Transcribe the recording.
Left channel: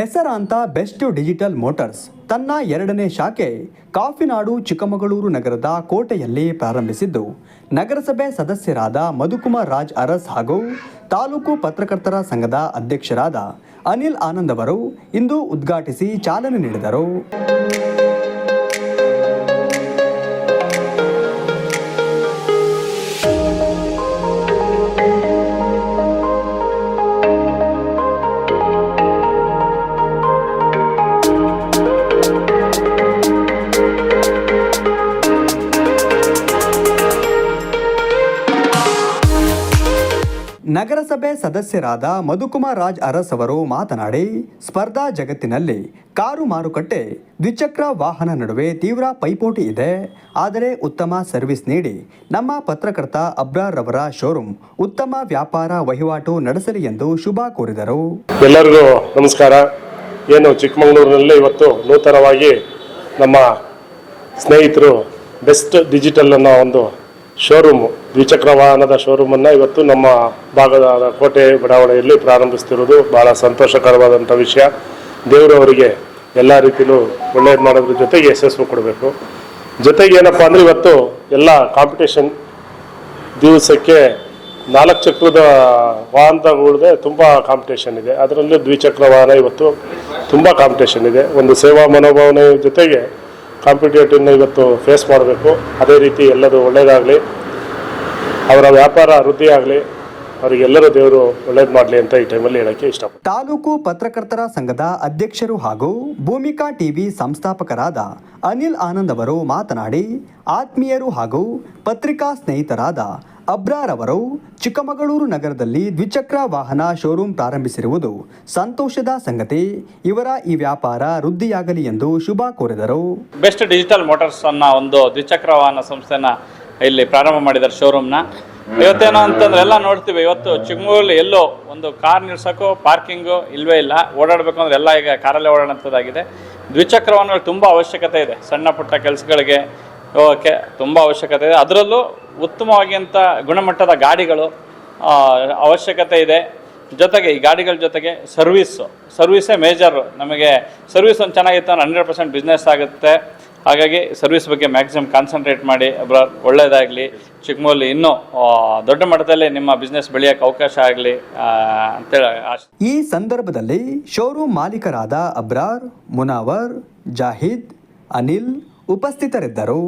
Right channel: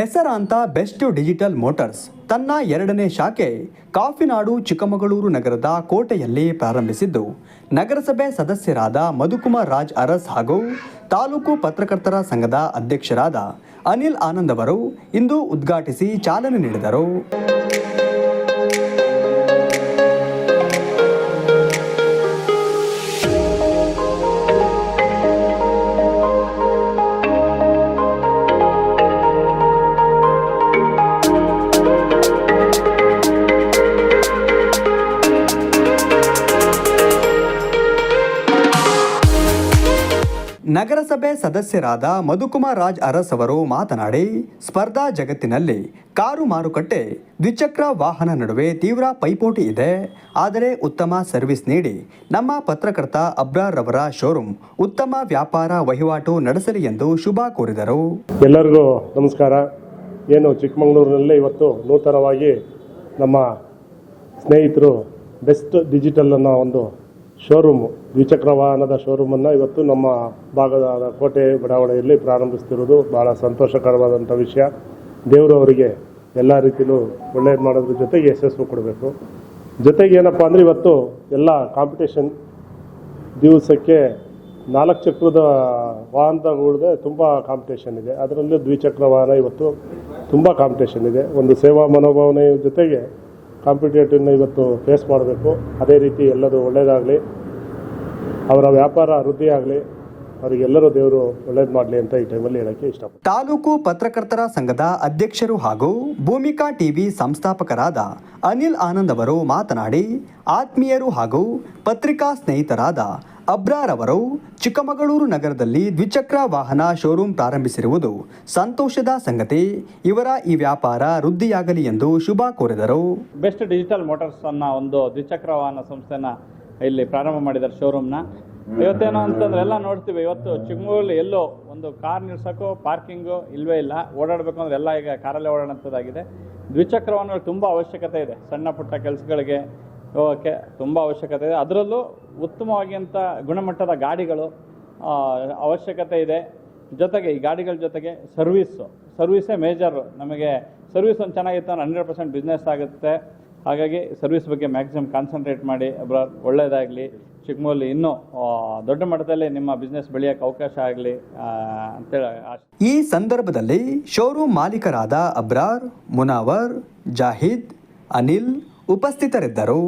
ಹೆಸರಾಂತ best digital motors ತನ್ನ ಎರಡನೇ ಶಾಖೆ ಕಾಫಿನಾಡು, ಚಿಕ್ಕಮಗಳೂರು ನಗರದ ಕೋಟೆಯಲ್ಲಿ ಪ್ರಾರಂಭಿಸಿದ್ದು. ನಗರಸಭೆ ಸದಸ್ಯರಾದ ಮಧುಕುಮಾರ್ ರಾಜ್ ಅರಸ್ ಹಾಗೂ ತಾಲೂಕು ಪತ್ರಕರ್ತರ ಸಂಘದ ಅಧ್ಯಕ್ಷರಾದ ಅನಿಲ್ ಆನಂದ್ ಅವರು ಇಂದು ಉದ್ಘಾಟಿಸಿ ಚಾಲನೆ ನೀಡಿದರು. ನಗರಸಭೆ ಸದಸ್ಯರಾದ ಮಧುಕುಮಾರ್ ರಾಜ್ ಅರಸ್ ಅವರು ಮಾತನಾಡಿ, ಸ್ಪರ್ಧಾ ಜಗತ್ತಿನಲ್ಲಿ ಕಾರು ಮಾರುಕಟ್ಟೆ, ದ್ವಿಚಕ್ರ ವಾಹನ ನಡುವೆ ತೀವ್ರ ಪೈಪೋಟಿ ಇದೆ. ಆದರೆ ಉತ್ತಮ ಸರ್ವಿಸ್ ನೀಡಿ, ನಮ್ಮ ಪತ್ರಕರ್ತ ಅಬ್ರಾರ್ ಅವರ ಶೋರೂಮ್ ಉತ್ತಮ ವ್ಯಾಪಾರ ವಹಿವಾಟು ನಡೆಸಲಿ ಎಂದು ಶುಭ ಕೋರಿದರು. ಎಲ್ಲರಿಗೂ ನಮಸ್ಕಾರ. ಏನು ಚಿಕ್ಕಮಗಳೂರಿನಲ್ಲಿ ಇವತ್ತು ನೂತನವಾಗಿ ನಮ್ಮ ಸ್ನೇಹಿತರು ಬೆಸ್ಟ್ ಡಿಜಿಟಲ್ ಅನ್ನೋ ಒಂದು ಶೋರೂಮು. ದ್ವಿಚಕ್ರ ವಾಹನದ ಶೋರೂಮನ್ನು ಇವತ್ತು ನಮ್ಮ ಭಾಗದ ಕೋಟೆ ಬಡಾವಣೆಯಲ್ಲಿ ಪ್ರಾರಂಭಿಸ್ತಿರೋದು. ಭಾಳ ಸಂತೋಷಕರವಾದಂಥ ವಿಷಯ. ದೇವರು ಅವರಿಗೆ ಎಲ್ಲ ರೀತಿಯೂ ಒಳ್ಳೇದು ಮಾಡೋದ್ರ ಜೊತೆಗೆ ಯಶಸ್ಸು ಕೊಡಬೇಕು. ಜೊತೆಗೆ ಏನಪ್ಪ ಅಂದರೆ ಇವತ್ತು ಎಲ್ಲ ಕಾಂಪಿಟೇಷನ್ ದಿವಸಕ್ಕೆ ನಾಲ್ಕು ಚಕ್ರದ ವಾಹನಗಳದೇ ತುಂಬ ಕಾಂಪಿಟೇಷನ್ ಇದೆ. ಅದರಲ್ಲೂ ದ್ವಿಚಕ್ರ ವಾಹನ ಇವತ್ತು ತುಂಬ ಕಾಂಪಿಟೇಷನ್ ಇದೆ. ಒಂದು ಸೇವಾ ಮನೋಭಾವನೆ ಜೊತೆಗೆ ಕಾಂಪಿಟೇಟಿವ್ನ ಇವತ್ತು ಫೇಸ್ ಮಾಡಬೇಕು. ಅದೇ ರೀತಿ ಎಲ್ಲರೂ ಒಳ್ಳೆಯದಾಗಲಿ ಅವರ ವ್ಯಾಪಾರ ವೃದ್ಧಿ ಆಗಲಿ. ಅವರಿಗೆಲ್ಲರೂ ದೇವರು ಒಳ್ಳೇದು ಮಾಡಲಿ ಅಂತ ಈ ಟೈಮಲ್ಲಿ ಹೇಳೋಕ್ಕೆ ಇಷ್ಟಪಡ್ತೀನಿ. ತಾಲೂಕು ಪತ್ರಕರ್ತರ ಸಂಘದ ಅಧ್ಯಕ್ಷರು ಹಾಗೂ ಭೂಮಿಕಾ ಟಿವಿ ಸಂಸ್ಥಾಪಕರಾದ ಅನಿಲ್ ಆನಂದ್ ಅವರು ಮಾತನಾಡಿ, ಆತ್ಮೀಯರು ಹಾಗೂ ಪತ್ರಿಕಾ ಸ್ನೇಹಿತರಾದ ಅಬ್ರಾರ್ ಅವರು ಚಿಕ್ಕಮಗಳೂರು ನಗರದಲ್ಲಿ ದ್ವಿಚಕ್ರ ವಾಹನ ಶೋರೂಮ್ ಪ್ರಾರಂಭಿಸಿರುವುದು ಸಂತೋಷದ ಸಂಗತಿ. ಇವರ ಈ ವ್ಯಾಪಾರ ವೃದ್ಧಿಯಾಗಲಿ ಎಂದು ಶುಭ ಕೋರಿದರು. ಬೆಸ್ಟ್ ಡಿಜಿಟಲ್ ಮೋಟಾರ್ಸ್ ಅನ್ನ ಒಂದು ದ್ವಿಚಕ್ರ ವಾಹನ ಸಂಸ್ಥೆನ ಇಲ್ಲಿ ಪ್ರಾರಂಭ ಮಾಡಿದ್ದಾರೆ ಶೋರೂಮ್ನ. ಇವತ್ತೇನೋ ಅಂತಂದ್ರೆ ಎಲ್ಲ ನೋಡ್ತೀವಿ, ಇವತ್ತು ಚಿಕ್ಕಮಗಳೂರಲ್ಲಿ ಎಲ್ಲೋ ಒಂದು ಕಾರ್ ನಿಲ್ಸೋಕ್ಕೂ, ಪಾರ್ಕಿಂಗು ಇಲ್ವೇ ಇಲ್ಲ. ಓಡಾಡಬೇಕು ಅಂದ್ರೆ ಎಲ್ಲ ಈಗ ಕಾರಲ್ಲೇ ಓಡಾಡುವಂಥದ್ದಾಗಿದೆ ದ್ವಿಚಕ್ರ ವಾಹನಗಳು ತುಂಬ ಅವಶ್ಯಕತೆ ಇದೆ. ಸಣ್ಣ ಪುಟ್ಟ ಕೆಲಸಗಳಿಗೆ ಹೋಗೋಕ್ಕೆ ತುಂಬ ಅವಶ್ಯಕತೆ ಇದೆ. ಅದರಲ್ಲೂ ಉತ್ತಮವಾಗಿ ಗುಣಮಟ್ಟದ ಗಾಡಿಗಳು ಅವಶ್ಯಕತೆ ಇದೆ. ಜೊತೆಗೆ ಈ ಗಾಡಿಗಳ ಜೊತೆಗೆ ಸರ್ವಿಸ್ಸು. ಸರ್ವಿಸೇ ಮೇಜರು ನಮಗೆ ಸರ್ವಿಸ್ ಒಂದು ಚೆನ್ನಾಗಿತ್ತು ಅಂದ್ರೆ ಹಂಡ್ರೆಡ್ ಪರ್ಸೆಂಟ್ ಬಿಸ್ನೆಸ್ ಆಗುತ್ತೆ. ಹಾಗಾಗಿ ಸರ್ವಿಸ್ ಬಗ್ಗೆ ಮ್ಯಾಕ್ಸಿಮಮ್ ಕಾನ್ಸಂಟ್ರೇಟ್ ಮಾಡಿ ಒಬ್ಬರ ಒಳ್ಳೆಯದಾಗಲಿ ಚಿಕ್ಕಮೂಲಿ ಇನ್ನೂ ದೊಡ್ಡ ಮಟ್ಟದಲ್ಲಿ ನಿಮ್ಮ ಬಿಸ್ನೆಸ್ ಬೆಳೆಯೋಕ್ಕೆ ಅವಕಾಶ ಆಗಲಿ ಅಂತೇಳಿ ಈ ಸಂದರ್ಭದಲ್ಲಿ ಶೋರೂಮ್ ಮಾಲೀಕರಾದ ಅಬ್ರಾರ್, ಮುನಾವರ್, ಜಾಹಿದ್, ಅನಿಲ್ ಉಪಸ್ಥಿತರಿದ್ದರು.